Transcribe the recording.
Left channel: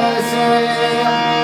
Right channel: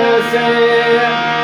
Yeah.